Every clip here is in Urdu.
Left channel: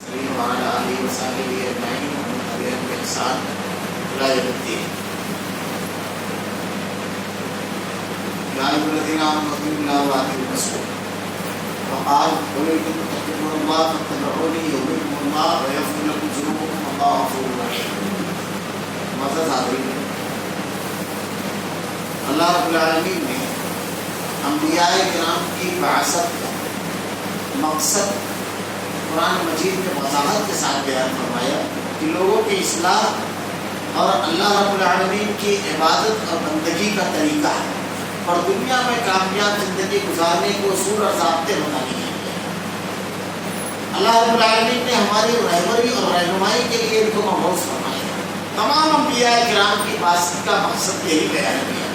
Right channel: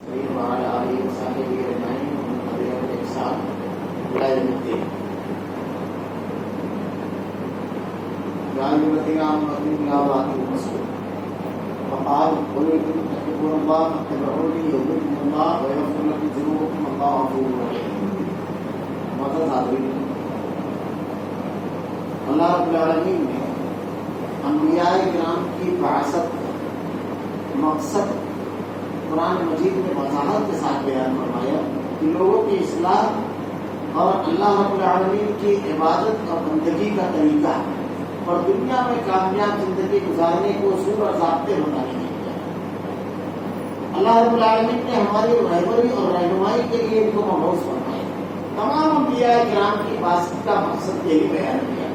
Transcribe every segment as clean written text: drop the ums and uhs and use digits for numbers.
وعلى آله وصحبه أجمعين ومن تبعهم بإحسان إلى يوم الدين. يا أيها الذين آمنوا اطيعوا الله وأطيعوا الرسول وقال قل إن كنتم تحبون الله فاتبعوني يحببكم الله ويغفر لكم ذنوبكم والله غفور رحيم. معزز حاضرین، اللہ رب العالمین نے انبیاء کرام کی بعثت کا مقصد قرآن مجید میں وضاحت کے ساتھ بیان فرمایا کہ لوگوں کی اصلاح اور اللہ رب العالمین کی عبادت اور بندگی کا طریقہ ہے اور دنیا میں کامیاب زندگی گزارنے کو اصول اور ضابطے بتانے ہیں. اللہ رب العالمین نے ہماری رہبری اور رہنمائی کے لیے ان کو مبعوث فرمایا. تمام انبیاء کرام کی بعثت کا مقصد یہی بیان کیا.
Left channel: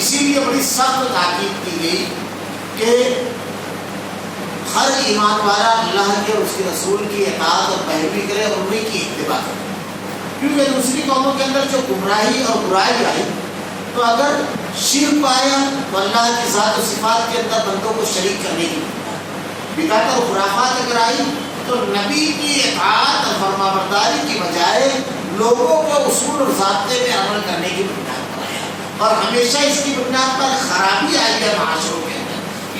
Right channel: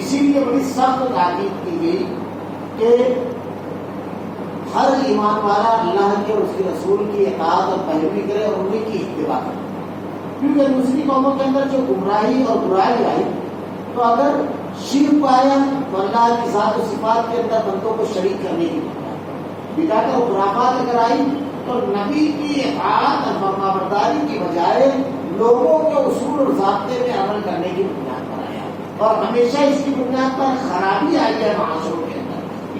اسی لیے بڑی سخت تاکید کی گئی کہ ہر ایمان والا اللہ کے اور اس کے رسول کی اطاعت اور پیروی کرے اور انہیں کی اتباع کرے، کیونکہ دوسری قوموں کے اندر جو گمراہی اور برائی آئی تو اگر شرک آیا تو اللہ کی ذات و صفات کے اندر بندوں کو شریک کرنے کی بدعت اور خرافات اگر آئی تو نبی کی اطاعت اور فرمانبرداری کی بجائے لوگوں کو اصول اور ضابطے میں عمل کرنے کی بنیاد پر آیا اور ہمیشہ اس کی بنیاد پر خرابی آئی ہے معاشروں کے اندر.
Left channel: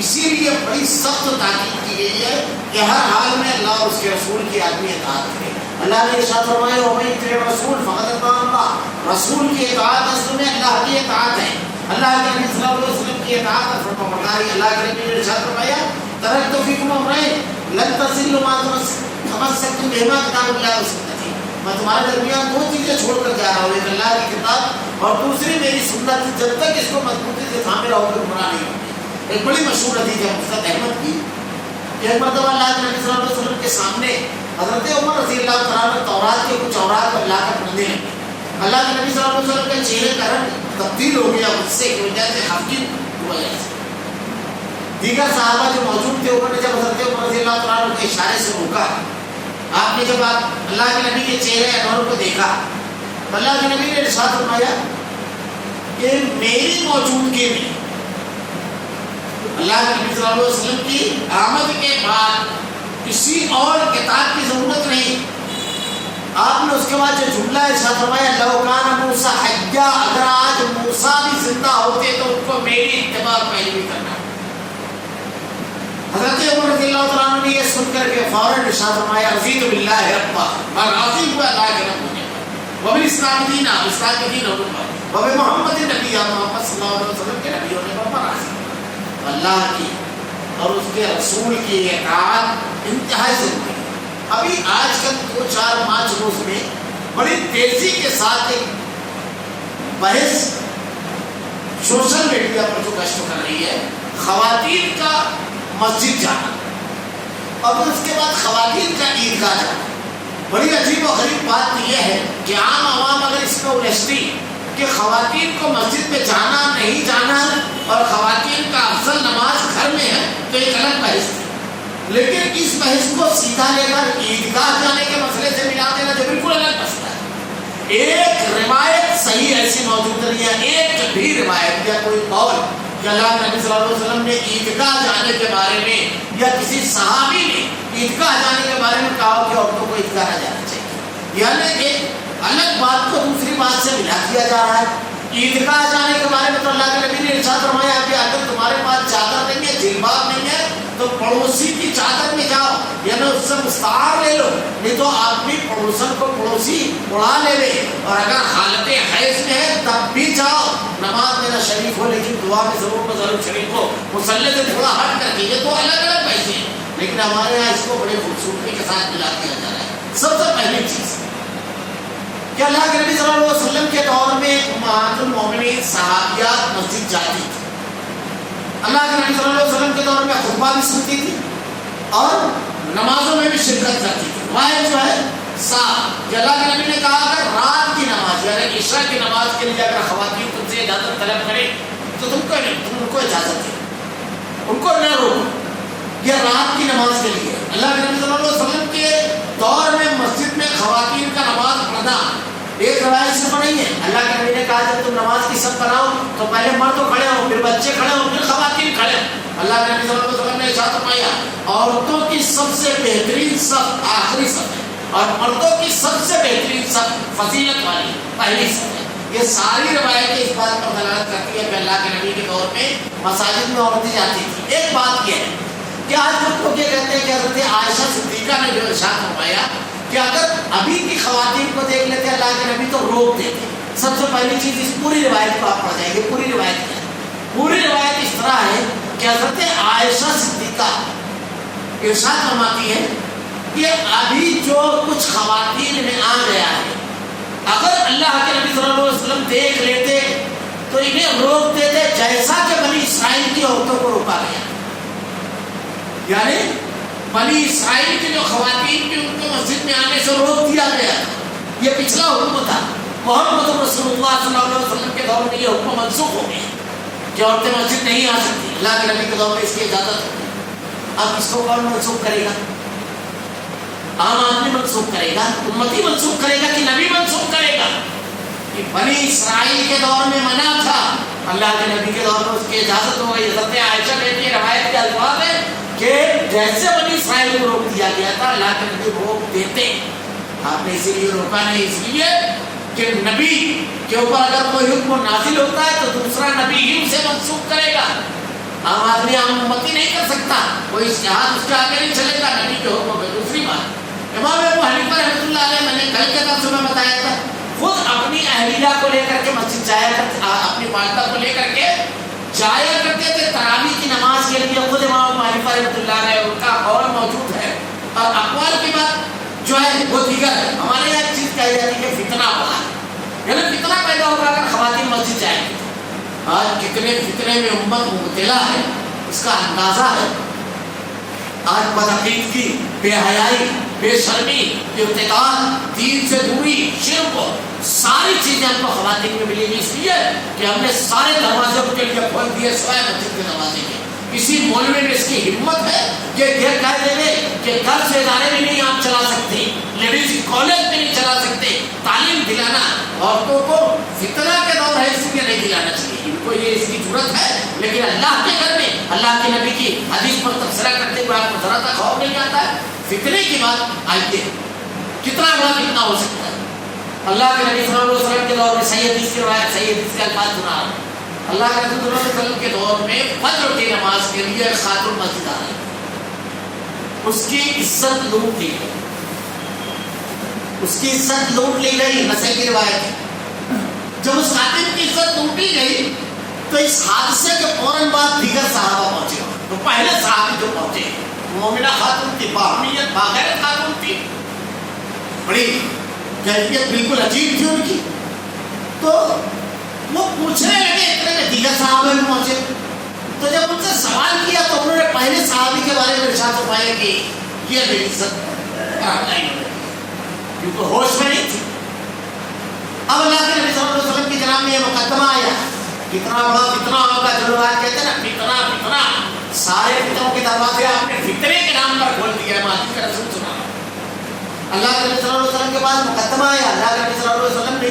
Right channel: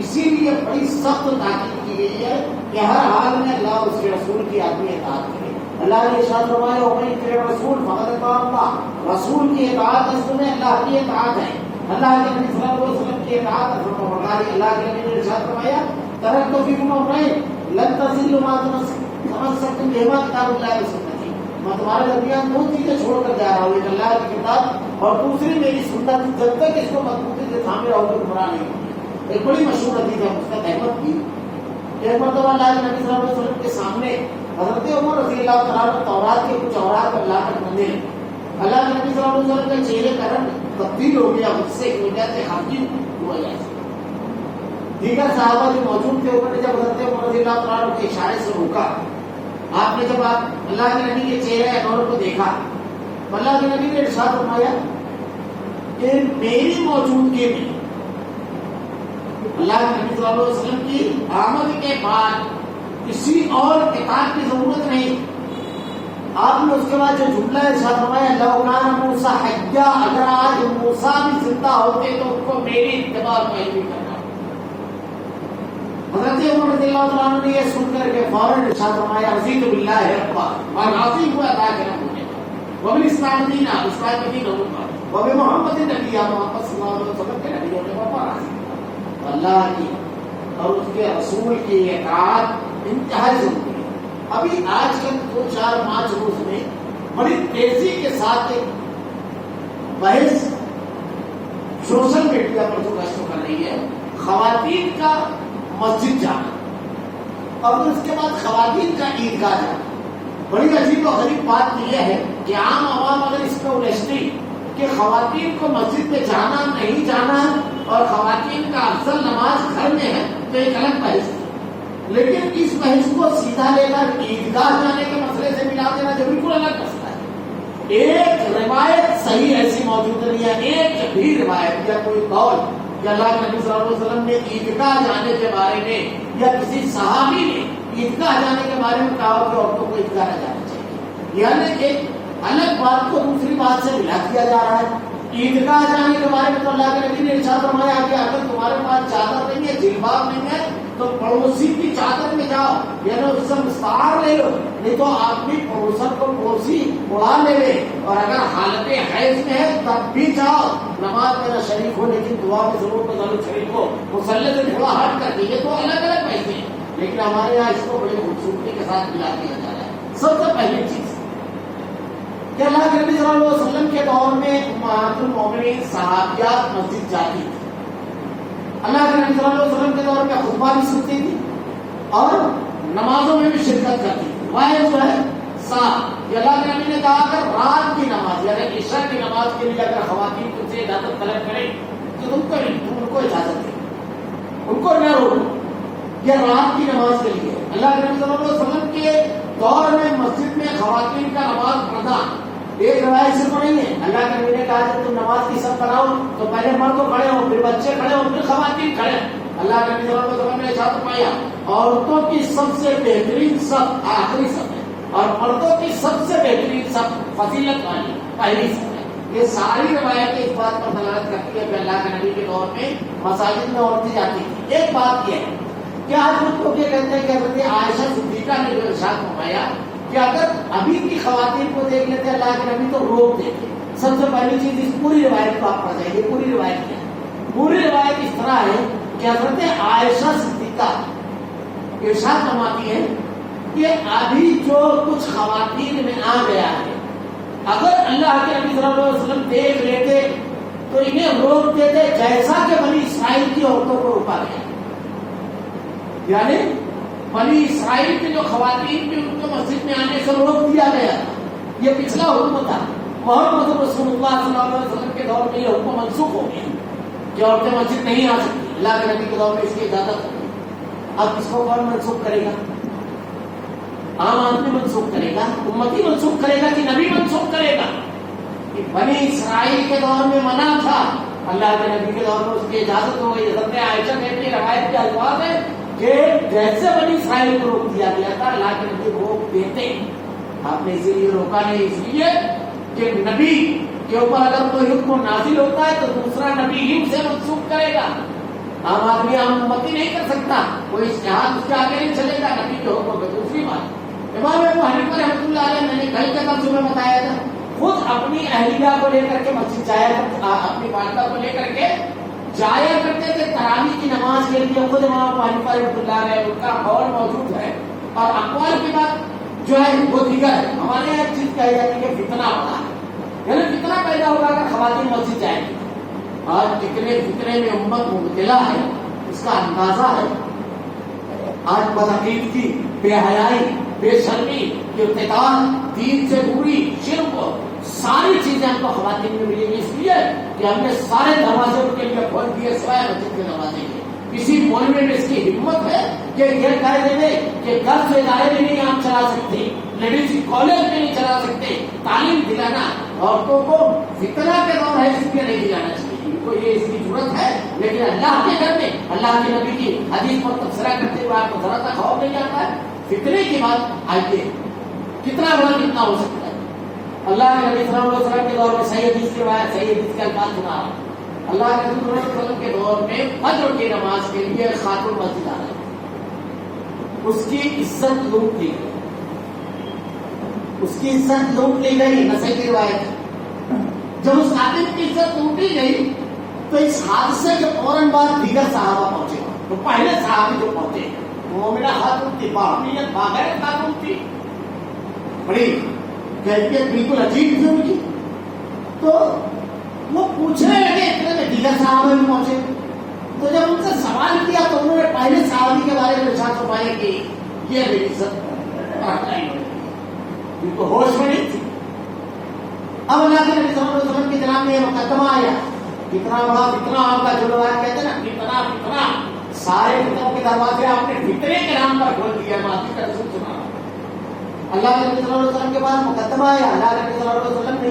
اسی لیے بڑی سخت تاکید کی گئی ہے کہ ہر حال میں اللہ اور اس کے رسول کی آدمی اطاعت کرے. اللہ نے ارشاد فرمایا وَمَن يُطِعِ الرَّسُولَ فَقَدْ أَطَاعَ اللَّهَ. رسول کی اطاعت اصل میں اللہ کی اطاعت ہے. اللہ کے نبی صلی اللہ علیہ وسلم کی اطاعت اور فرمانبرداری. اللہ کے نبی نے ارشاد فرمایا تَرَكْتُ فِيكُمْ أَمْرَيْنِ لَن تَضِلُّوا مَا تَمَسَّكْتُم بِهِمَا كِتَابَ اللَّهِ وَسُنَّتِي. میں تمہارے درمیان دو چیزیں چھوڑ کر جا رہا ہوں، ایک اللہ کی کتاب اور دوسری میری سنت. جب تک اس کو مضبوطی سے تھامے رہو گے گمراہ نہیں ہوگے. ایک بڑی مشہور حدیث ہے مستد احمد کی. ایک مرتبہ اللہ کے نبی صلی اللہ علیہ وسلم کے سامنے حضرت عمر رضی اللہ تعالیٰ عنہ تورات کے کچھ اوراق پر لا کر پڑھنے لگے. اللہ کے نبی صلی اللہ علیہ وسلم کے چہرے کا رنگ تبدیل ہو گیا غصے کی وجہ سے، خفگی کی وجہ سے. دیگر صحابہ جو موجود تھے انہوں نے جب حضرت عمر رضی اللہ تعالیٰ عنہ کے اشارے سے روکا، آپ نے جب اللہ کے نبی کے چہرے انور کو دیکھا تو اللہ کے نبی نے ارشاد فرمایا کہ میری موجودگی میں اللہ کے نبی صلی اللہ علیہ وسلم کی آمد کے بعد کسی اور کتاب کی ضرورت نہیں. آپ نے اس کے بعد جو جملہ ارشاد فرمایا لو کان موسیٰ حیا، اگر آج موسیٰ بھی زندہ ہوتے تو ان کو میری اتباع پیروی کرنا. حضرت عمر رضی اللہ تعالیٰ عنہ نے یہ سن کر کے فوراً ارشاد فرمایا رضیت باللہ ربا، میں راضی ہوا اللہ کے رب ہونے پر، وبالاسلام دینا، اسلام کے دین ہونے پر، وبمحمد نبی، محمد صلی اللہ علیہ وسلم کے نبی ہونے پر میں راضی. اللہ کی اور اس کے رسول کی اطاعت انتہائی ضروری ہے. ابھی آج کل 2-4-5 روز میں بڑی تیزی کے ساتھ ایک بحث سوشل میڈیا پر جو گشت کر رہی ہے خواتین کا مسجد جانا اور پھر اس کے بعد خواتین کا عیدگاہ جانا. بڑی عجیب و غریب بات یہ ہے کہ عام عوام اگر اس میں الجھتی کہ خواتین کو مسجد میں جانا نہیں جانا اور خواتین کا افضل نماز گھر میں ہے تو ایک الگ بحث تھی، لیکن اس بحث کو سیدھا لے کر عیدگاہ جانے کے مسئلے سے ملا دینا جو بالکل الگ مسئلہ ہے. ایک روایت صحیح ایسی موجود نہیں ہے، ایک بھی روایت یا کوئی قول کہ اللہ کے نبی صلی اللہ علیہ وسلم نے عیدگاہ جانے کے بارے میں یا کسی صحابی نے عیدگاہ جانے کے بارے میں کہا کہ عورتوں کو عیدگاہ نہ جانا چاہیے. یعنی ایک الگ بات کو دوسری بات سے ملا دیا جا رہا ہے. عیدگاہ جانے کے بارے میں تو اللہ کے نبی نے ارشاد فرمایا کہ اگر تمہارے پاس چادر نہیں ہے، جلباب نہیں ہے تو پڑوسی کی چادر میں جاؤ، یعنی اس سے مستعار لے لو، نہیں تو آدمی پڑوسن کو پڑوسی اڑا لے لے. اور اگر حالت حیض میں ہے تب بھی جاؤ، نماز میرا شریف ہو لیکن دعا میں ضرور شریف ہو، مصلی سے تھوڑا ہٹ کر کے. یہ تو الگ الگ پیسے ہیں، لیکن ہمارے یہاں اس کو بڑی خوبصورتی کے ساتھ ملا دیا جا رہا ہے. سب سے پہلی چیز کہ اللہ کے نبی صلی اللہ علیہ وسلم کے دور میں امہات المومنین صحابیات مسجد جاتی تھی. اللہ کے نبی صلی اللہ علیہ وسلم کے دور میں خطبہ بھی سنتی تھی اور نمازوں میں بھی شرکت کرتی تھی. واحد جو ہے کہ اللہ کے نبی نے کہا اگر رات کی نماز یعنی عشاء کی نماز کے لیے اگر خواتین تم سے اجازت طلب کریں تو تم کو نہیں، تم ان کو اجازت دو، ان کو نہ روکو. یہ رات کی نماز کے لیے اللہ کے نبی صلی اللہ علیہ وسلم کے دور میں مسجد میں خواتین کا نماز پڑھنا ایک روایت صرف نہیں ہے. اللہ کے نبی نے کہا جب تم نماز کی سب بناؤ تو پہلے مرد کھڑے ہو، پھر بچے کھڑے ہو، پھر خواتین کھڑے ہو. اللہ کے نبی صلی اللہ علیہ وسلم نے ارشاد فرمایا عورتوں کی سب سے بہترین صف آخری صف ہے اور مردوں کی سب سے بہترین صف فضیلت والی پہلی صف ہے۔ یہ ساری روایتیں اس بات پر دلالت کرتی ہے کہ اللہ کے نبی کے دور میں مساجد میں عورتیں جاتی تھیں۔ ایک بات یہ ہے کہ آج کچھ لوگ یہ کہتے ہیں کہ حضرت عائشہ صدیقہ نے جو ارشاد فرمایا کہ اگر ابھی کی خواتین کو دیکھ لیتے اللہ کے نبی تو روک دیتے۔ سب سے پہلی چیز اس پوری روایت کو آپ پڑھ جائیں گے۔ پوری روایت کیا ہے؟ پوری روایت اس طرح ہے کہ حضرت عائشہ صدیقہ ارشاد فرماتی ہے کہ ابھی جو کچھ خواتین میں آ گیا ہے اگر اللہ کے نبی صلی اللہ علیہ وسلم دیکھ لیتے تو انہیں روک دیتے جیسا کہ بنی اسرائیل کی عورتوں کو روکا گیا۔ یعنی بنی اسرائیل کی جو خواتین کی ان کو مسجد میں آنے سے روک دیا گیا، یہ پچھلا حکم تھا۔ محمد رسول اللہ صلی اللہ علیہ وسلم کے دور میں یہ حکم منسوخ ہو گیا کہ عورتیں مسجد نہیں آ سکتی۔ اللہ کے نبی کے دور میں اس کی اجازت ہوتی۔ اب اس کو کون منسوخ کرے گا؟ عام آدمی منسوخ کرے گا، امتی منسوخ کرے گا کہ نبی منسوخ کرے گا؟ کہ بنی اسرائیل کے دور میں منع تھا، اللہ کے نبی کے دور میں اس کی اجازت ہو گئی۔ حضرت عائشہ کہتی ہے، روایت کے الفاظ ہے کہ جیسے بنی اسرائیل کو روک دیا گیا تھا اللہ کے نبی روک دیتے۔ آپ نے اسی لیے روکا نہیں، اس لیے کہ نبی کے اوپر اگر کوئی حکم نازل ہوتا ہے تو دوسرا نبی ہی اسے منسوخ کرے گا۔ عام آدمی عام امتی نہیں کر سکتا، کوئی اشتہاد اس کے آگے نہیں چلے گا نبی کے حکم پہ۔ دوسری بات، امام ابو حنیفہ رحمۃ اللہ علیہ، میں نے کل کے درس میں بتایا تھا، خود اپنی اہلیہ کو لے کر کے مسجد جایا کرتے، اپنی والدہ کو لے کر کے جایا کرتے تھے تراویح کی نماز کے لیے۔ خود امام ابو حنیفہ رحمۃ اللہ علیہ ان کا قول موجود ہے، اور اقوال کی بات جو ہے وہ دیگر ہے۔ ہمارے یہاں ایک چیز کہی جاتی ہے کہ فتنہ پڑا ہے، یعنی فتنہ پیدا ہوگا اگر خواتین مسجد جائیں گی۔ آج کتنے فتنے میں امت مبتلا ہے، اس کا اندازہ ہے۔ آج بدعقیدگی، بے حیائی، بے شرمی، ارتکاب، دین سے دوری، شرک، ساری چیزیں ہم کو خواتین میں ملیں گی، اس لیے کہ ہم نے سارے دروازے ان کے لیے کھول دیے سوائے مسجد کے دروازے کے۔ کسی مولوی میں اس کی ہمت ہے کہ یہ کہہ دے دے کہ گھر سے ادارے بھی نہیں آپ چلا سکتے، لیڈیز کالج بھی نہیں چلا سکتے۔ تعلیم دلانا عورتوں کو فتنہ کے دور ہے اس لیے نہیں دلانا چاہیے، ان کو یہ اس کی ضرورت ہے، لیکن اللہ کے گھر میں اللہ کے نبی کی حدیث پر تبصرہ کرتے ہوئے آپ کو ذرا تک خوف نہیں آتا ہے؟ فتنے کی بات آئیے، کتنا بڑا فتنہ ہو سکتا ہے۔ اللہ کے نبی صلی اللہ علیہ وسلم کے دور میں صحیح حدیث کی روایت، صحیح حدیث کے الفاظ سنا رہا ہوں۔ اللہ کے نبی صلی اللہ علیہ وسلم کے دور میں فجر کی نماز کے لیے خاتون مسجد آ رہی، اس کی عزت لوٹ لی گئی، اس کی عزت لوٹ لی گئی۔ نسائی کی روایت، جب اس خاتون کی عزت لوٹی گئی تو اس حادثے کے فوراً بعد دیگر صحابہ پہنچے۔ تو پہلے صحابی جو پہنچے مومنہ خاتون تھی، باہمیت، باغیرت خاتون تھی، بڑی کیفیت بالکل عجیب تھی ان کی۔ تو وہ پوچھنے لگے، اتنے میں دیگر صحابہ بھی پہنچے۔ تو جب ان سے سوال کیا تو انہوں نے پہلے صحابی کے بارے میں ارشاد فرمایا کہ یہ میری عزت نہیں، کیونکہ ہوش میں نہیں تھی۔ اب اللہ کے نبی صلی اللہ علیہ وسلم کی جناب میں یہ مقدمہ آیا، کتنا بڑا فتنہ ہوگا، جو لوگ کہتے ہیں نا فتنہ فتنہ، سارے فتنوں کے دروازے آپ نے فتنے کے نام پر کھول دیا ہے۔ ماضی کا رسول سنا اللہ کے نبی صلی اللہ علیہ وسلم کے پاس مقدمہ آیا، اللہ کے نبی صلی اللہ علیہ وسلم نے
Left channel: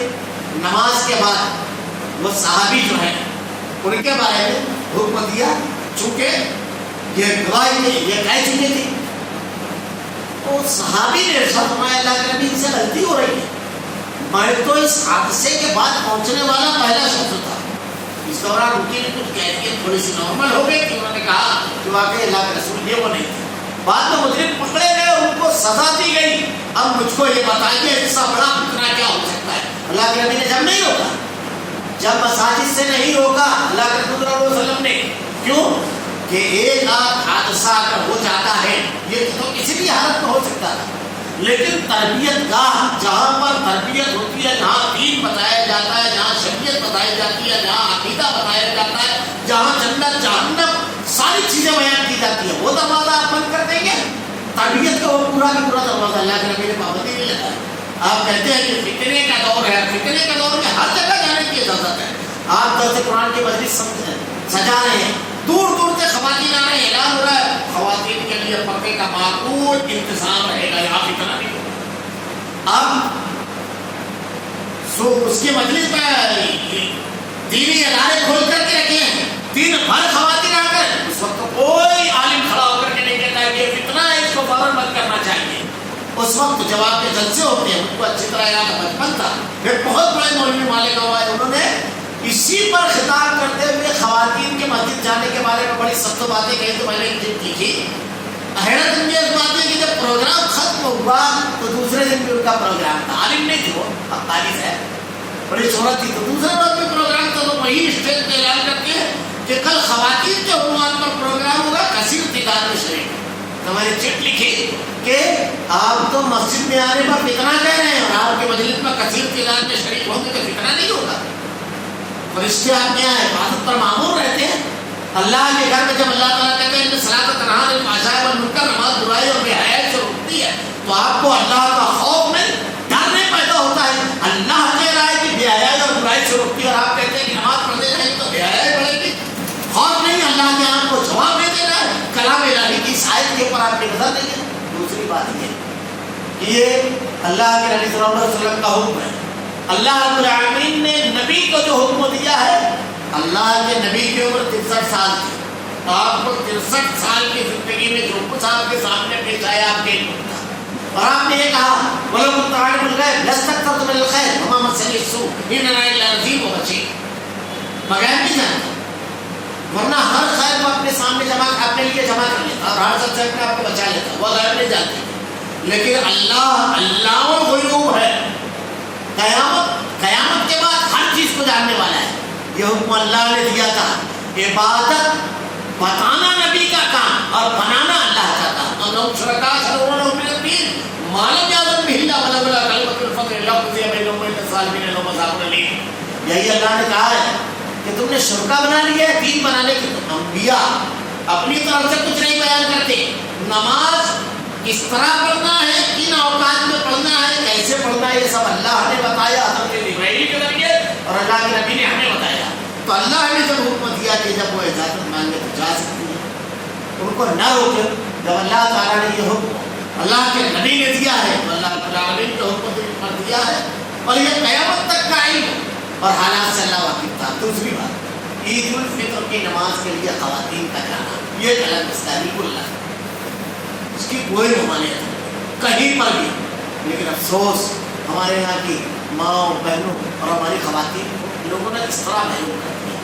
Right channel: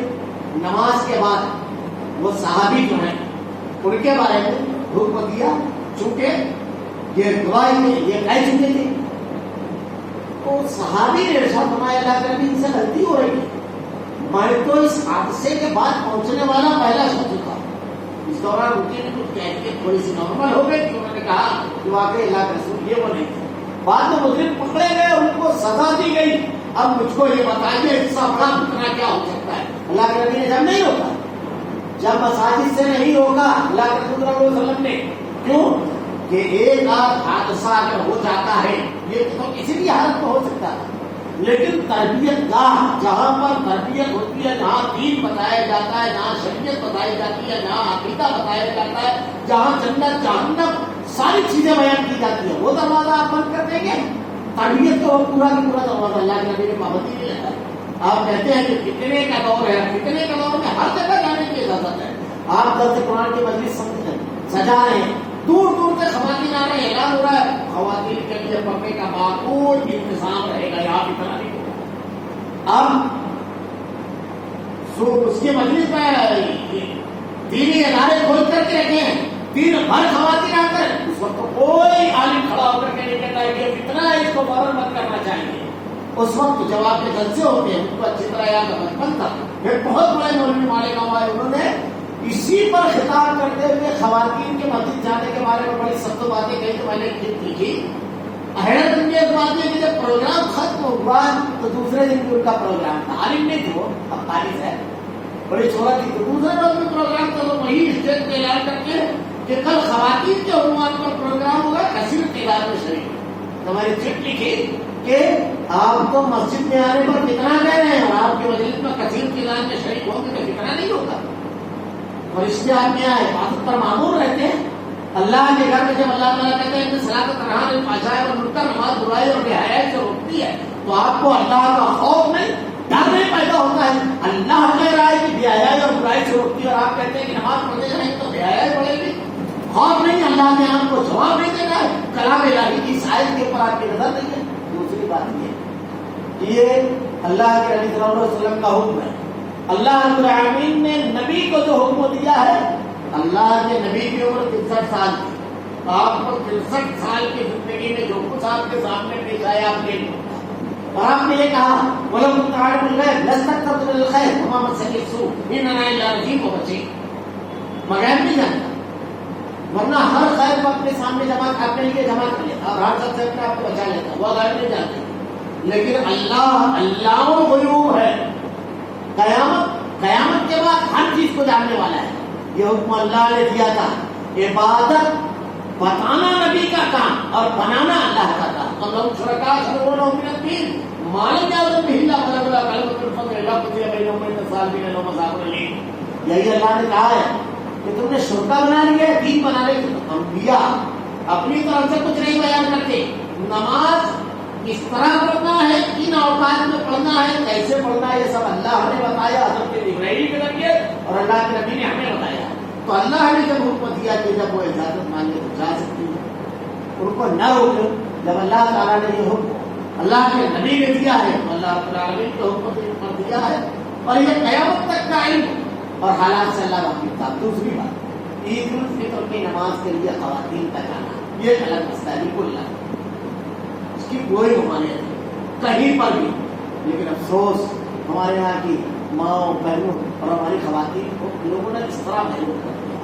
نماز کے بعد وہ صحابی جو ہیں ان کے بارے میں حکم دیا، چونکہ یہ گواہی میں یہ کہہ چکے تھے۔ تو صحابی نے ارشاد فرمایا، اللہ کے نبی ان سے غلطی ہو رہی ہے، میں تو اس حادثے کے بعد پہنچنے والا پہلا شخص تھا۔ اس دوران ان کی کچھ کیفیت تھوڑی سی نارمل ہو گئی تھی، انہوں نے کہا کہ واقعی اللہ کے رسول یہ وہ نہیں تھے۔ بعد میں مجرم پکڑے گئے، ان کو سزا دی گئی۔ اب مجھ کو یہ بتائیے اس سے بڑا فتنہ کیا ہو سکتا ہے؟ اللہ کے نبی نے جب نہیں روکا، جب مساجد سے نہیں روکا اللہ کے رسول صلی اللہ علیہ وسلم نے، کیوں کہ ایک آدھ حادثہ اگر ہو جاتا ہے یہ تو کسی بھی حالت میں ہو سکتا تھا، لیکن تربیت گاہ جہاں پر تربیت ہوتی ہے، جہاں دین بتایا جاتا ہے، جہاں شریعت بتائی جاتی ہے، جہاں عقیدہ بتایا جاتا ہے، جہاں جنت جہنم ساری چیزیں بیان کی جاتی ہے، وہ دروازہ آپ بند کر دیں گے؟ تربیت کا وہ پورا کا پورا دروازہ اللہ کے نبی نے پابندی نہیں لگایا۔ آپ کہتے ہیں کہ فتنے کا دور ہے، فتنے کے دور میں ہر جگہ جانے کی اجازت ہے۔ آپ درس قرآن کی مجلس سجا رہے ہیں، دور دور سے خواتین آ رہے ہیں، اعلان ہو رہا ہے خواتین کے لیے پردے کا معقول انتظام رہے گا، یہاں فتنہ نہیں ہوگا۔ اب اس کی مجلس میں دینی ادارے کھول کر کے رکھے ہیں، دن بھر خواتین آ کر اس وقت کوئی عالم کھڑا ہو کر کے نہیں کہتا کہ یہ فتنہ ہے، اس کو فوراً مت کرنا چاہیے۔ اس وقت جواب کے جلسے ہوتے ہیں، ان کو اچھی طرح یاد بچپن تھا۔ ایک بہت بڑے مولوی مالیگاؤں آئے، انہوں نے اسی پر خطاب کرتے ہوئے خواتین کے مسجد جانے کے بارے میں بڑی سخت باتیں کہی۔ تو میں نے ایک چیز لکھی، حیرت انگیز بات ہے کہ جب پروگرام ختم ہوا تو دوسرے دن بھی ان کا پروگرام تھا۔ عالم نہیں تھے وہ، اب طالب ہے، بڑی شہرت تھی، تو دوسرے روز بھی پروگرام تھا۔ تو وہی اسٹیج پہ اعلان کرتے ہیں کہ کل خواتین کے عنوان پر پروگرام ہوگا، کثیر تعداد میں شریک۔ تو میں نے چٹ لکھی کہ آپ تو مسجد میں آنے پر فتنہ کہہ رہے ہیں اور آپ کی مجلس میں کثیر تعداد میں شریک ہوں گے تو فتنہ نہیں ہوگا۔ فرشتے آپ کے یہاں عبادت پر معمور رہتے ہیں۔ اللہ کے گھر میں جب اللہ تعالیٰ کہتے ہیں کہ صلاۃ تنہی عن الفحشاء والمنکر، نماز برائی اور بے حیائی سے روکتی ہے، تو آپ کو اللہ کا خوف نہیں، ڈر نہیں پیدا ہوتا ہے۔ اللہ کہہ رہا ہے کہ بے حیائی اور برائی سے روکتی ہے اور آپ کہتے ہیں کہ نماز پڑھنے جائیں تو بے حیائی بڑھے گی۔ خوف نہیں، اللہ کے آپ کو جواب نہیں دینا ہے، کلام الہی کی شاید کے اوپر آپ کی نظر نہیں ہے۔ دوسری بات یہ کہ یہ اللہ کے نبی صلی اللہ علیہ وسلم کا حکم ہے۔ اللہ رب العالمین نے نبی کو جو حکم دیا ہے، اللہ کے نبی کی عمر 63 سال تھی، آپ کو 63 سال کی زندگی میں جو کچھ آپ کے سامنے پیش آیا آپ کے لیے تھا، اور آپ نے یہ کہا وَلَوْ كُنْتُ أَعْلَمُ الْغَيْبَ لَاسْتَكْثَرْتُ مِنَ الْخَيْرِ وَمَا مَسَّنِيَ السُّوءُ إِنْ أَنَا إِلَّا نَذِيرٌ وَبَشِيرٌ۔ مگر نہیں جانتا، ورنہ ہر خیر کو اپنے سامنے اپنے لیے جمع کر لیتا اور ہر سب سے اپنے آپ کو بچا لیتا، وہ غیب نہیں جانتے۔ لیکن اللہ علام الغیوب ہے، قیامت کے بعد ہر چیز کو جاننے والا ہے۔ یہ حکم اللہ نے دیا تھا، عبادت بتانا نبی کا کام اور بنانا اللہ کا کام۔ اور لوگ شرکا شرورا من الدین مالم یادن بہلا بلا بلا کلمۃ الفضل لو قضی بینہم بین الظالمین لو مذاق علیہم۔ یہی اللہ نے کہا ہے کہ تم نے شرکا بنا لیا ہے دین بنانے کی۔ انبیاء اپنی طرف سے کچھ نہیں بیان کرتے، نماز کس طرح پڑھنا ہے، کن اوقات میں پڑھنا ہے، کیسے پڑھنا ہے، یہ سب اللہ نے بتایا حضرت جبرائیل کے ذریعے اور اللہ کے نبی نے ہمیں بتایا۔ تو اللہ نے جب حکم دیا کہ جب وہ اجازت مانگے تو جا سکتی ہے، ان کو نہ روکے۔ جب اللہ تعالیٰ نے یہ حکم اللہ کے نبی نے دیا ہے تو اللہ رب العالمین کے حکم پر دیا ہے، اور یہ قیامت تک کا علم اور حالات سے اللہ واقف تھا۔ دوسری بات، عید الفطر کی نماز کے لیے خواتین کا جانا یہ ایک الگ مسئلہ ہے، بالکل الگ، اس کی کوئی ممانعت نہیں کہیں پر بھی۔ لیکن افسوس ہمارے یہاں کی ماں بہنوں اور ہماری خواتین کو لوگوں نے اس طرح محروم کر دیا۔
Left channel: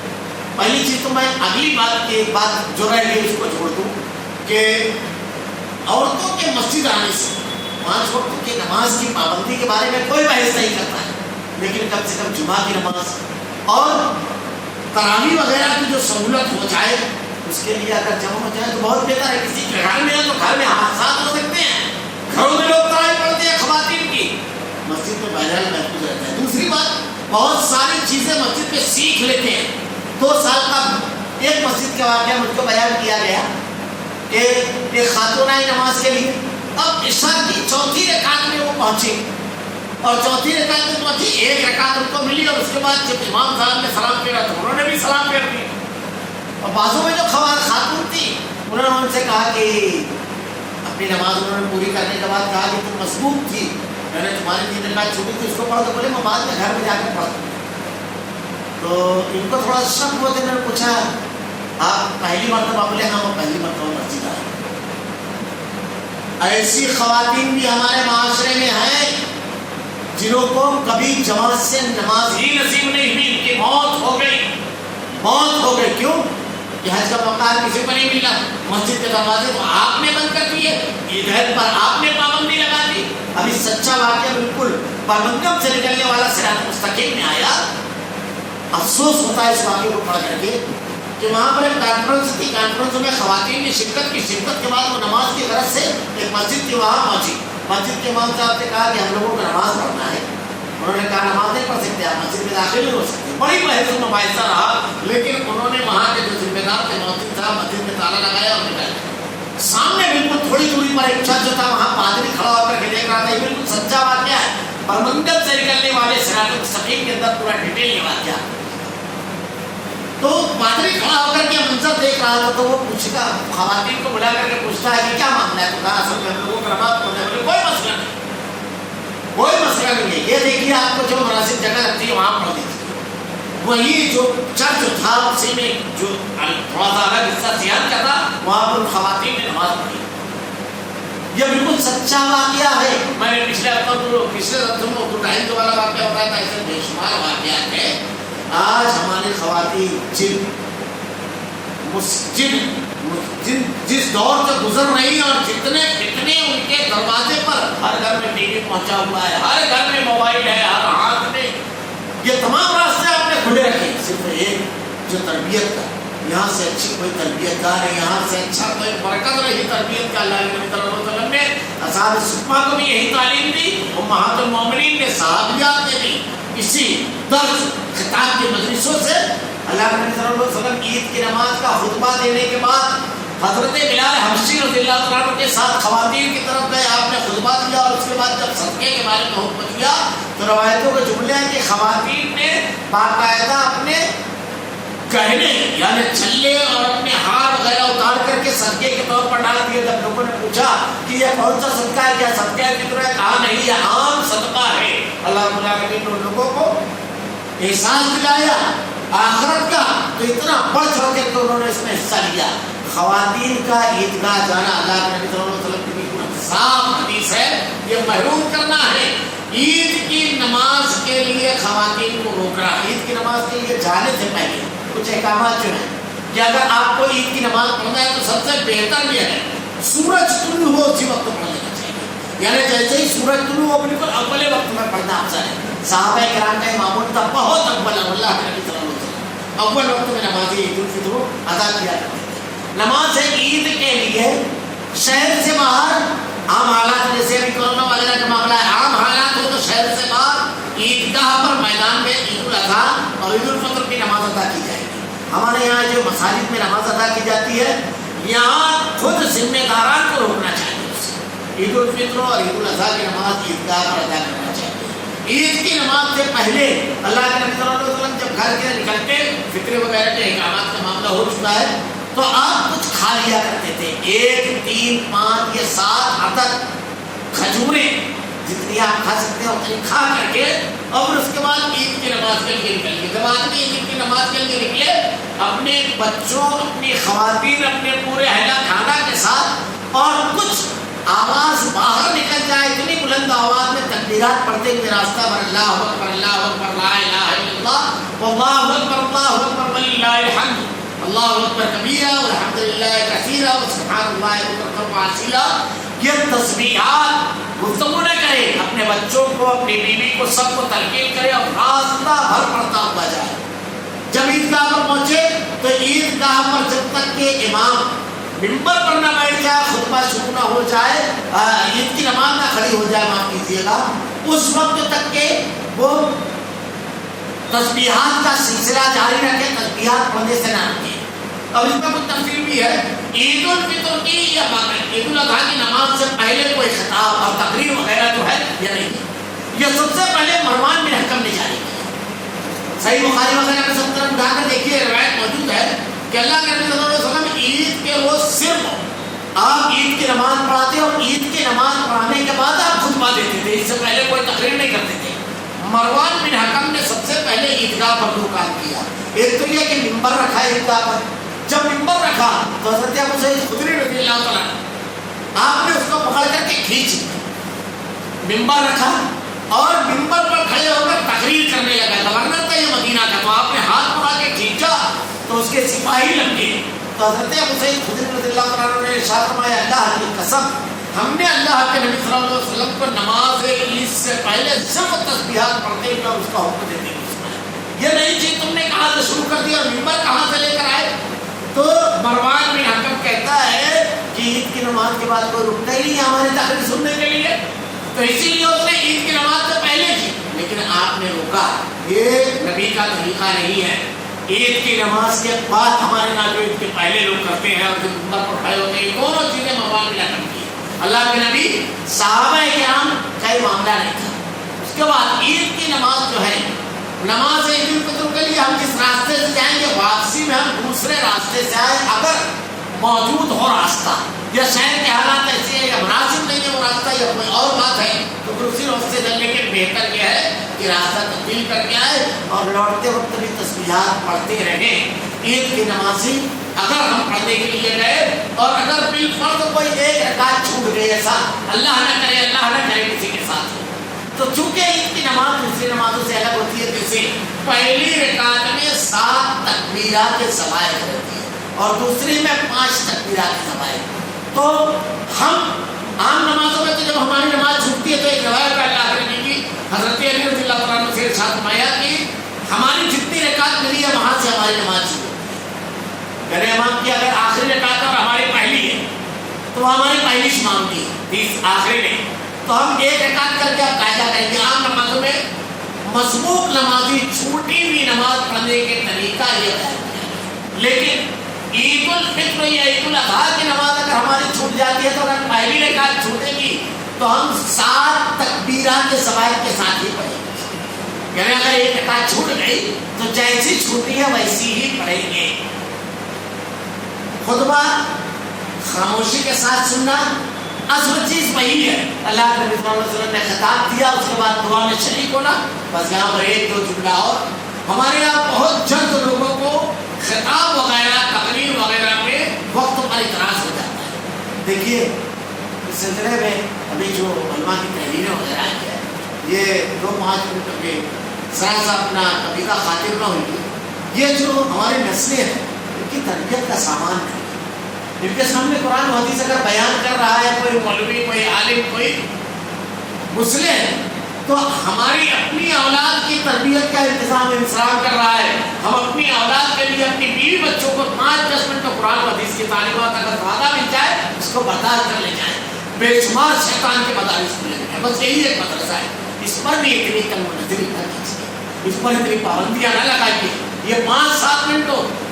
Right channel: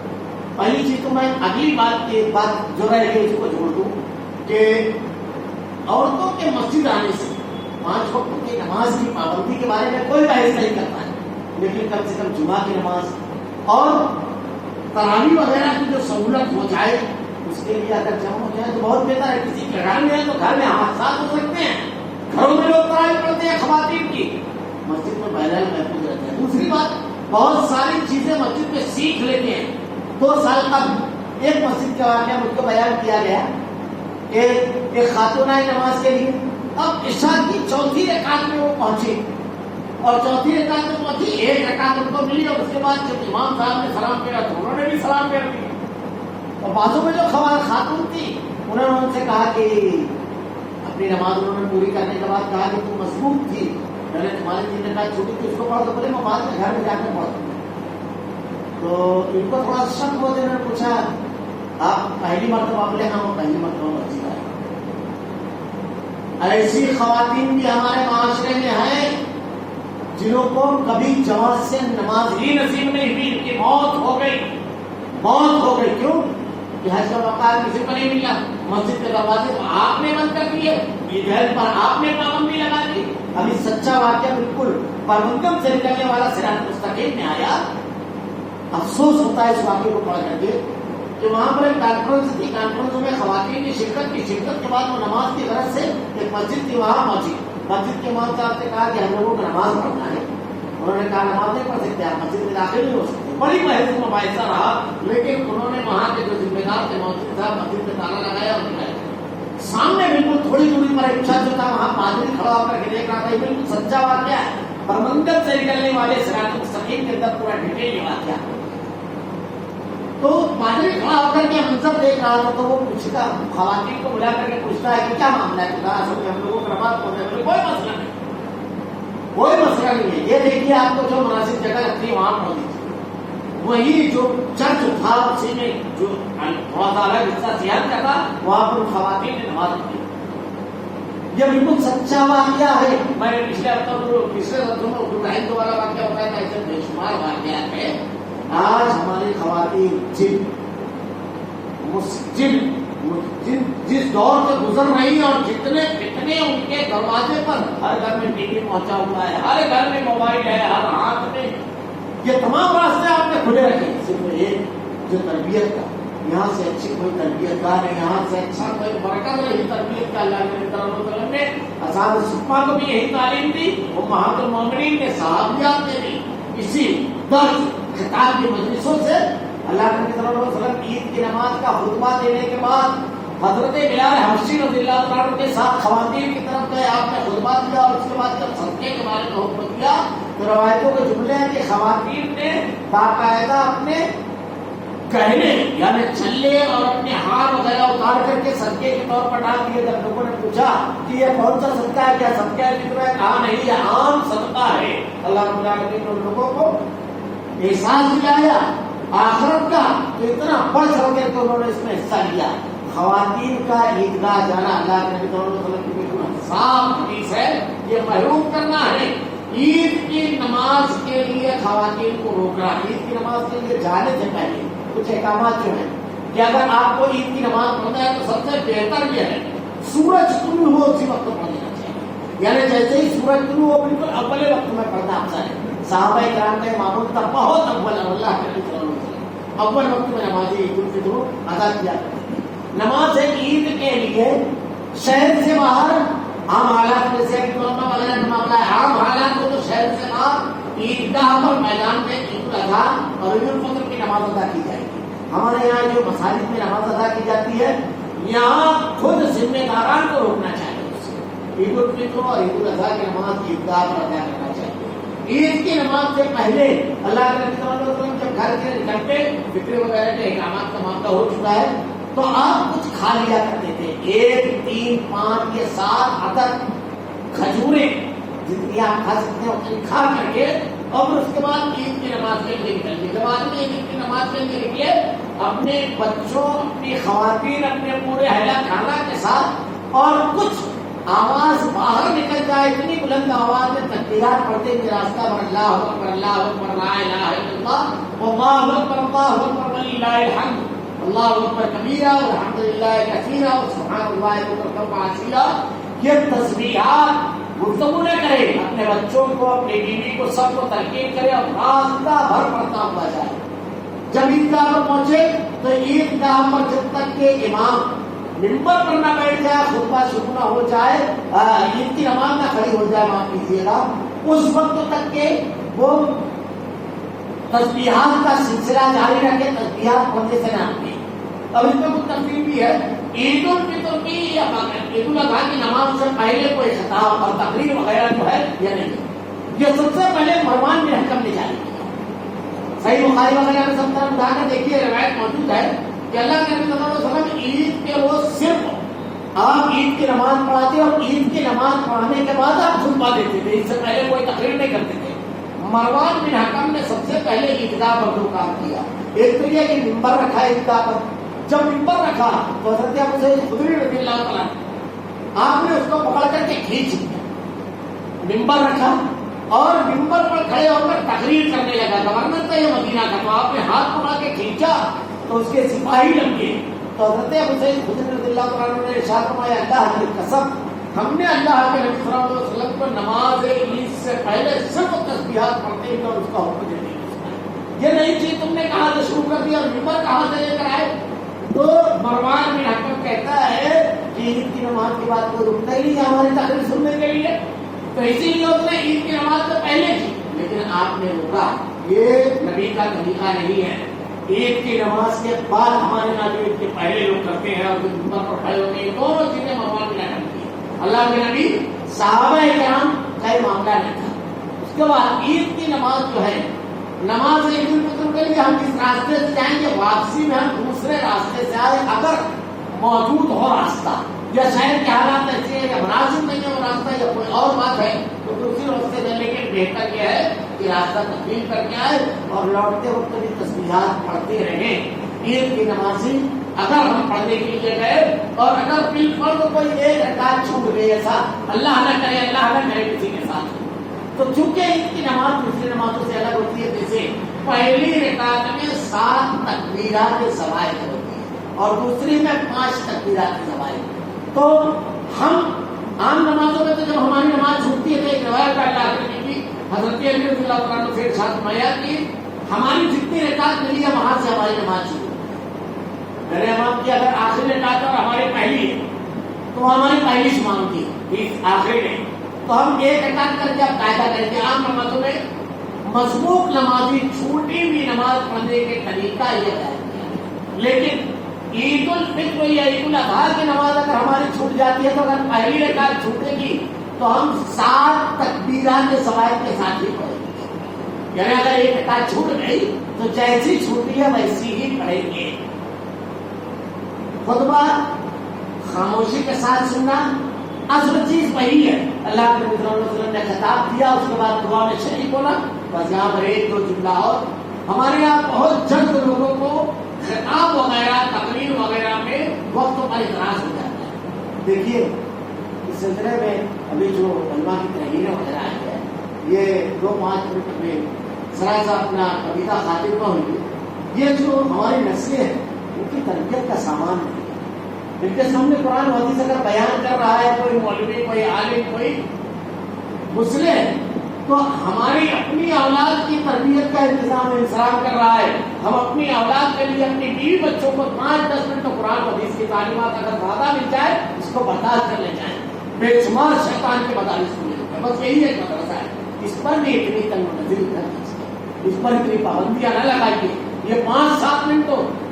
پہلی چیز تو میں اگلی بات کی ایک بات جو رہ گئی اس کو چھوڑ دوں کہ عورتوں کے مسجد آنے سے 5 وقت کی نماز کی پابندی کے بارے میں کوئی بحث نہیں کرتا ہے، لیکن کم سے کم جمعہ کی نماز اور تراویح وغیرہ کی جو سہولت ہو جائے اس کے لیے اگر جمع ہو جائے تو بہت بہتر ہے۔ کسی کے گھر میں ہے تو گھر میں حادثات ہو سکتے ہیں، گھروں میں لوگ تراویح پڑھتے ہیں خواتین کی، مسجد میں بہرحال محفوظ رہتا ہے۔ دوسری بات، بہت ساری چیزیں مسجد میں سیکھ لیتے ہیں۔ 2 سال قبل ایک مسجد کا واقعہ مجھ کو بیان کیا گیا کہ ایک خاتون آئی نماز کے لیے، اب عشاء کی 4تھی رکعت میں وہ پہنچی اور 4تھی رکعت میں پہنچی، 1 رکعت ان کو ملی اور اس کے بعد جب امام صاحب نے سلام پھیرا تو انہوں نے بھی سلام پھیر دیا۔ اور بازو میں جو خاتون تھی انہوں نے ان سے کہا کہ اپنی نماز انہوں نے پوری کرنے کے بعد کہا کہ تم مصبوح تھی، میں نے تمہاری 3 رکعت چھوٹی تھی اس کو پڑھ دو۔ بولے میں بعد میں گھر میں جا کے پڑھ دوں۔ تو ان کو تھوڑا سا شک ہوا تو انہوں نے پوچھا آپ پہلی مرتبہ؟ بولے ہاں میں پہلی مرتبہ مسجد آیا۔ ایسی خواتین بھی ہمارے معاشرے میں ہیں جنہوں کو کبھی جماعت سے نماز ہی نصیب نہیں ہوئی، ان کی موت ہو گئی۔ کیوں؟ کہ حج کا موقع کسی کو نہیں ملا، مسجد کے دروازے تو آپ نے بند کر دیے، عیدین پر آپ نے پابندی لگا دی۔ ابھی سچا واقعہ بالکل برمنگم سے نکلنے والا صراط مستقیم میں آیا۔ افسوس ہوتا ہے اس واقعے کو پڑھ کر کے کہ وہاں پر ایک کانفرنس تھی، کانفرنس میں خواتین نے شرکت کے بعد وہ نماز کی غرض سے ایک مسجد تھی وہاں پہنچی۔ مسجد کے امام صاحب نے کہا کہ ہم لوگوں کو نماز پڑھنا ہے۔ انہوں نے کہا نماز نہیں پڑھ سکتے، آپ مسجد میں داخل نہیں ہو سکتے۔ بڑی بحث و مباحثہ رہا، لیکن انہوں نے وہاں کے جو ذمہ دار تھے مؤذن صاحب مسجد میں تالا لگایا اور نکال دیا۔ سامنے بالکل تھوڑی دوری پر ایک چرچ تھا، وہاں پادری کھڑا ہو کر کے دیکھ رہا تھا۔ یہ بالکل سچا واقعہ ہے، برمنگم سے نکلنے والے صراط مستقیم کے اندر پورا ڈیٹیل یہ واقعہ۔ تو پادری کھڑا ہو کر کے منظر دیکھ رہا تھا، تو وہ پوچھتا خواتین کو بلا کر کے پوچھتا ہے کہ کیا معاملہ ہے؟ تو کہا اصل میں ہم لوگوں کو نماز پڑھنے والے کوئی مسئلہ نہیں ہے۔ یہ دیکھیے آپ کو جو مناسب جگہ لگتی ہے وہاں پڑھ لیجیے۔ وہی جو چرچ تھا اسی میں جو تھوڑا سا الگ حصہ صحت کا تھا وہاں پر خواتین نے نماز پڑھی. یہ بالکل سچا واقعہ ہے. میں نے پچھلے ہفتے میں ٹائم والا واقعہ بتایا تھا. ایسے بے شمار واقعات ہیں. آج ہماری خواتین جس دور سے گزر رہی ہیں اور جتنے ان کے دروازے پر ہر گھر میں ٹی وی پہنچا ہوا ہے, ہر گھر میں موبائل ہے, ہر ہاتھ میں, یہ تمام راستے آپ نے کھلے رکھے. صرف ایک جو تربیت کا, یہاں سے اچھی کوئی تربیت گاہ ہے, یہاں سے اچھا کوئی برکت رہی تربیت کا. اللہ کے نبی صلی اللہ علیہ وسلم نے اصحاب صفہ کو بھی یہی تعلیم دی, امہات المومنین نے صحابیات نے بھی اسی درس خطاب کی مجلسوں سے. اللہ کے نبی صلی اللہ علیہ وسلم عید کی نماز کا خطبہ دینے کے بعد حضرت بلال حبشی رضی اللہ تعالیٰ عنہ کے ساتھ خواتین کی طرف گئے. آپ نے خطبہ دیا اور اس کے بعد جب صدقے کے بارے میں حکم دیا تو روایتوں کے جملے ہیں کہ خواتین نے باقاعدہ اپنے گہنے یعنی چھلے اور اپنے ہار وغیرہ اتار کر کے صدقے کے طور پر ڈال دیے. جب لوگوں نے پوچھا کہ یہ کون سا صدقہ ہے, کیا صدقہ ہے فطر ہے, کہا نہیں یہ عام صدقہ ہے. اللہ تعالیٰ نے ان لوگوں کو احساس دلایا آخرت کا, تو اتنا بڑھ چڑھ کے تو انہوں نے اس میں حصہ لیا. خواتین کا عیدگاہ جانا اللہ کے نبی صلی اللہ علیہ وسلم کی بالکل صاف حدیث ہے, یہ محروم کرنا ہے. عید کی نماز کے لیے خواتین کو روکنا, عید کی نماز کے لیے جانے سے پہلے کچھ احکامات جو ہیں کہ اگر آپ کو عید کی نماز پڑھنا ہے تو سب سے بہتر یہ ہے سورج طلوع ہو اسی وقت پڑھ لینا چاہیے. یعنی جیسے ہی سورج طلوع ہو بالکل اول وقت میں پڑھنا افضل ہے. صحابہ کرام کا معمول تھا بہت اول, اللہ کے نبی صلی اللہ علیہ وسلم اول وقت میں نماز عید الفطر ادا کیا کرتے تھے. نماز عید کے لیے شہر سے باہر عام حالات جیسے ابھی کورونا وغیرہ کا معاملہ ہے, عام حالات ہو تو شہر سے باہر عیدگاہ پر میدان میں عید الاضحیٰ اور عید الفطر کی نماز ادا کی جائے گی. ہمارے یہاں جو مساجد میں نماز ادا کی جاتی ہے یہاں خود ذمہ داران کو روکنا چاہیے. عید الفطر اور عید الاضحیٰ کی نماز عیدگاہ پر ادا کرنا چاہیے. عید کی نماز سے پہلے اللہ کے نبی صلی اللہ علیہ وسلم جب گھر کے نکلتے فطر وغیرہ کے احکامات کا معاملہ ہو چکا ہے تو آپ کچھ کھا لیا کرتے تھے. 1 3 5 یا 7 عدد کھجوریں جتنی آپ کھا سکتے ہیں اتنی کھا کر کے اور اس کے بعد عید کی نماز کے لیے نکل گئے. جب آدمی عید کی نماز کے لیے نکلے اپنے بچوں, اپنی خواتین, اپنے پورے اہل خانہ کے ساتھ اور کچھ آواز باہر نکل جائے اتنی بلند آواز میں تکبیرات پڑھتے ہوئے راستہ پر اللہ اکبر لا الہ الا اللہ واللہ اکبر وللہ الحمد اللہ اکبر کبیرہ والحمدللہ کثیرہ وسبحان اللہ بکرۃ واسیلہ, یہ تسبیحات گفتگو نہ کرے, اپنے بچوں کو, اپنی بیوی کو, سب کو تلقین کرے اور راستہ بھر پڑھتا ہوا جائے. جب عیدگاہ پر پہنچے تو عیدگاہ پر جب تک کہ امام ممبر پر نہ بیٹھ جائے, خطبہ شروع نہ ہو جائے, عید کی نماز نہ کھڑی ہو جائے, معاف کیجیے گا, اس وقت تک کہ وہ تسبیحات کا سلسلہ جاری رکھے, تسبیحات پڑھنے سے نہ رکھے. اب اس میں کچھ تفصیل بھی ہے. عید الفطر کی یا عید الاضحیٰ کی نماز سے پہلے کوئی خطاب اور تقریر وغیرہ جو ہے یہ نہیں ہے. یہ سب سے پہلے مروان بن حکم نے جاری کیا. صحیح بخاری وغیرہ میں سب طرف اٹھا کر دیکھیے روایت موجود ہے کہ اللہ کے نبی صلی اللہ علیہ وسلم عید کے روز صرف آپ عید کی نماز پڑھاتے اور عید کی نماز پڑھانے کے بعد آپ خطبہ دیتے تھے, اس سے پہلے کوئی تقریر نہیں کرتے تھے. مروان بن حکم نے سب سے پہلے عیدگاہ پر دو کام کیا. ایک تو یہ کہ ممبر رکھا عیدگاہ پر. جب ممبر رکھا تو حضرت ابو سعید خدری رضی اللہ تعالیٰ آپ نے اس کو پکڑ کر کے کھینچ ممبر رکھا اور ممبر پر کھڑے ہو کر تقریر کرنے لگا. گورنر تھا یہ مدینہ کا, تو آپ نے ہاتھ پکڑ کے کھینچا تو اس کے سپاہی لگ گئے. تو حضرت ابو سعید خدری رضی اللہ تعالیٰ نے ارشاد فرمایا اللہ کی قسم ہم نے اللہ کے نبی صلی اللہ علیہ وسلم کو نماز عید سے پہلے صرف تسبیحات پڑھتے ہیں اور اس کا حکم دیتے ہیں. یہ نہیں چیز تم نے کہاں سے شروع کر دیا اور ممبر کہاں سے لے کر آئے. تو مروان بن حکم کہتا ہے کہ عید کی نماز کے بعد کوئی رکنا ہی نہیں ہماری تقریر سننے کے لیے, تو اسی لیے اس نے عید کی نماز سے پہلے کی. لیکن آپ نے روکا, یہ نبی کا طریقہ نہیں ہے. عید کی نماز کے بعد ہمارے یہاں جو عید کے پہلے لوگ کرتے ہیں اور جو ممبر پر کھڑے ہوتے ہیں, دونوں چیزیں مروان بن حکم کی. اللہ کے نبی صحابہ کرام کا یہ معاملہ نہیں تھا. اس کے بعد عید کی نماز جو ہے, نماز عید الفطر کے لیے ہم جس راستے سے جائیں گے واپسی میں ہم دوسرے راستے سے آئے, اگر موجود ہو راستہ یا شہر کے حالات ایسے ہیں یا مناسب نہیں ہے وہ راستہ یا کوئی اور بات ہے تو دوسری راستے سے لیکن بہتر یہ ہے کہ راستہ تبدیل کر کے آئے اور لوٹتے وقت بھی تسبیحات پڑھتے رہیں. عید کی نمازی اگر ہم پڑھنے کے لیے گئے اور اگر بالفرض کوئی ایک رکعت چھوٹ گئی، ایسا اللہ نہ کرے کسی کے ساتھ، تو چونکہ عید کی نماز دوسری نمازوں سے الگ ہوتی ہے، جیسے پہلی رکعت میں 7 تکبیرات زوائد ہوتی ہے اور دوسری میں 5 تکبیرات زوائد. تو ہم عام نمازوں میں تو جب ہماری نماز چھوٹتی ہے تو ایک روایت اللہ کرنے کی حضرت علی رضی اللہ عنہ سے ارشاد فرمایا کہ ہماری جتنی رکعت ملی ہے وہاں سے ہماری نماز شروع. میرے امام کی اگر آخری رکعت ہے اور ہماری پہلی ہے تو وہ ہماری پہلی شمار کی ہے، آخری نہیں، تو ہم ایک رکعت کر کے اب قاعدہ کریں گے. عام نمازوں میں مسبوق نمازی چھوٹی ہوئی نماز پڑھنے کے طریقہ یہ ہے، لیکن عید الفطر یا عید الاضحیٰ کی نماز اگر ہماری چھوٹ جاتی ہے تو اگر پہلی رکعت چھوٹے گی تو ہم 7 تکبیرات کے زوائد کے ساتھ ہی پڑھیں گے. یعنی اگر ایک رکعت چھوٹ گئی تو جیسی چھوٹی ہے ویسی ہی پڑھیں گے. خطبہ خاموشی کے ساتھ سننا اصل چیز وہی ہے. اللہ کے نبی صلی اللہ علیہ وسلم نے خطاب دیا، اس کے بعد دعا میں شریک ہونا. بس یہاں پر ایک دو جملہ اور، ہمارے یہاں بہت جلد لوگوں کو خطاب وغیرہ تقریر وغیرہ میں وقت پر اعتراض ہو جاتا ہے. دیکھیے اس سلسلے میں ابھی جو علماء کی تحریریں وغیرہ آئی ہے، یہ 2-5 منٹ میں ذرا سا اپنا کبیرہ خاطر نہ ہوئی. یہ جو ہماری نسلیں ہیں ان کی تربیت کا سامان ہے. ان کے سامنے قرآن و حدیث اگر بیان کر رہا ہے کوئی مولوی، کوئی عالم، کوئی مسلم، تو ہماری اپنی اولاد کی تربیت کا انتظام انسان کر رہا ہے. ہم اپنی اولاد کے لیے اپنی بیوی بچوں کو 5-10 منٹ قرآن و حدیث کی تعلیمات اگر زیادہ مل جائے اس کو برداشت کر لے جائیں. بے شمار شیطان کے مدارس کھلے ہیں، بس یہی ایک مدرسہ ہے. اس پر بھی اتنی تنگ نظری نہ کیجیے، اس پر اتنی پابندیاں نہ لگائیے. یہ 5-7 منٹ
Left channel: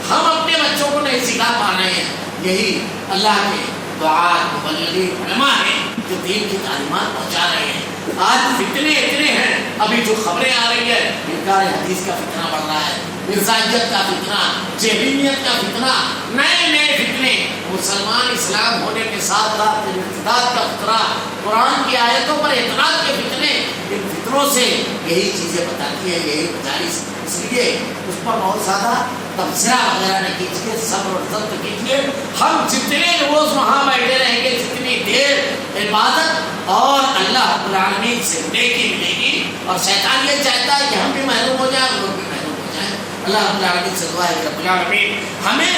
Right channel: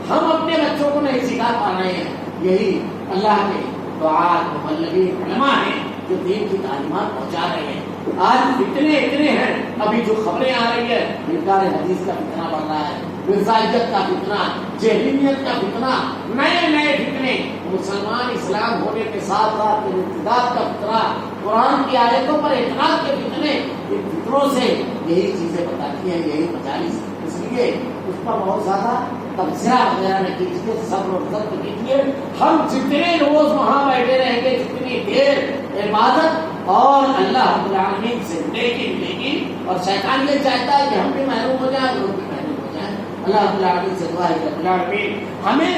ہم اپنے بچوں کو نہیں سکھا پا رہے ہیں. یہی اللہ کے دعات مبلغین علماء ہیں جو دین کی تعلیمات پہنچا رہے ہیں. آج فتنے اتنے ہیں، ابھی جو خبریں آ رہی ہے، انکار حدیث کا فتنہ بڑھ رہا ہے، مرزائیت کا فتنہ، جہمیت کا فتنہ، نئے فتنے، مسلمان اسلام ہونے کے ساتھ ساتھ ارتداد کا فتنہ، قرآن کی آیتوں پر اعتراض کے فتنے. ان فتنوں سے یہی چیزیں بتاتی ہیں، یہی مجالس. اس لیے اس پر بہت زیادہ تبصرہ وغیرہ نہ کیجیے، صبر اور ضبط کیجیے. ہم جتنے روز وہاں بیٹھے رہیں گے، جتنی دیر عبادت اور اللہ رب العالمین سے نیکی ملے گی. اور شیطان یہ چاہتا ہے کہ ہم بھی محروم ہو جائیں اور لوگ بھی محروم ہو جائیں. اللہ رب العالمین سے دعا ہے کہ رب العالمین ہمیں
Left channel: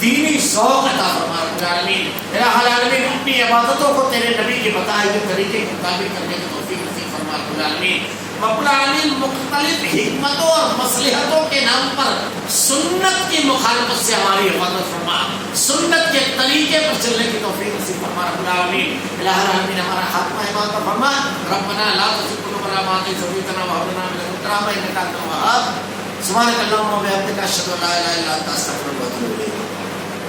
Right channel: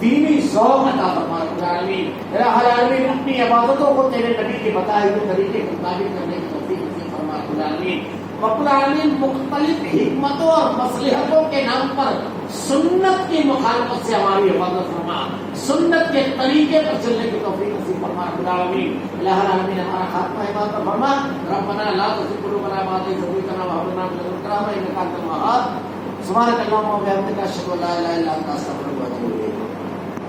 دینی ذوق عطا فرما. رب العالمین الہ العالمین اپنی عبادتوں کو تیرے نبی کے بتائے ہوئے طریقے کے مطابق کرنے کی توفیق نصیب فرما. رب العالمین رب العالمین مختلف حکمتوں اور مصلحتوں کے نام پر سنت کی مخالفت سے ہماری حفاظت فرما. سنت کے طریقے پر چلنے کی توفیق نصیب فرما. رب العالمین الہ العالمین ہمارا خاتمہ ایمان پر فرما. ربنا لا تزغ قلوبنا بعد إذ هديتنا وهب لنا من لدنك رحمة إنك أنت الوهاب. سبحانك اللهم وبحمدك أشهد أن لا إله إلا أنت أستغفرك وأتوب إليك.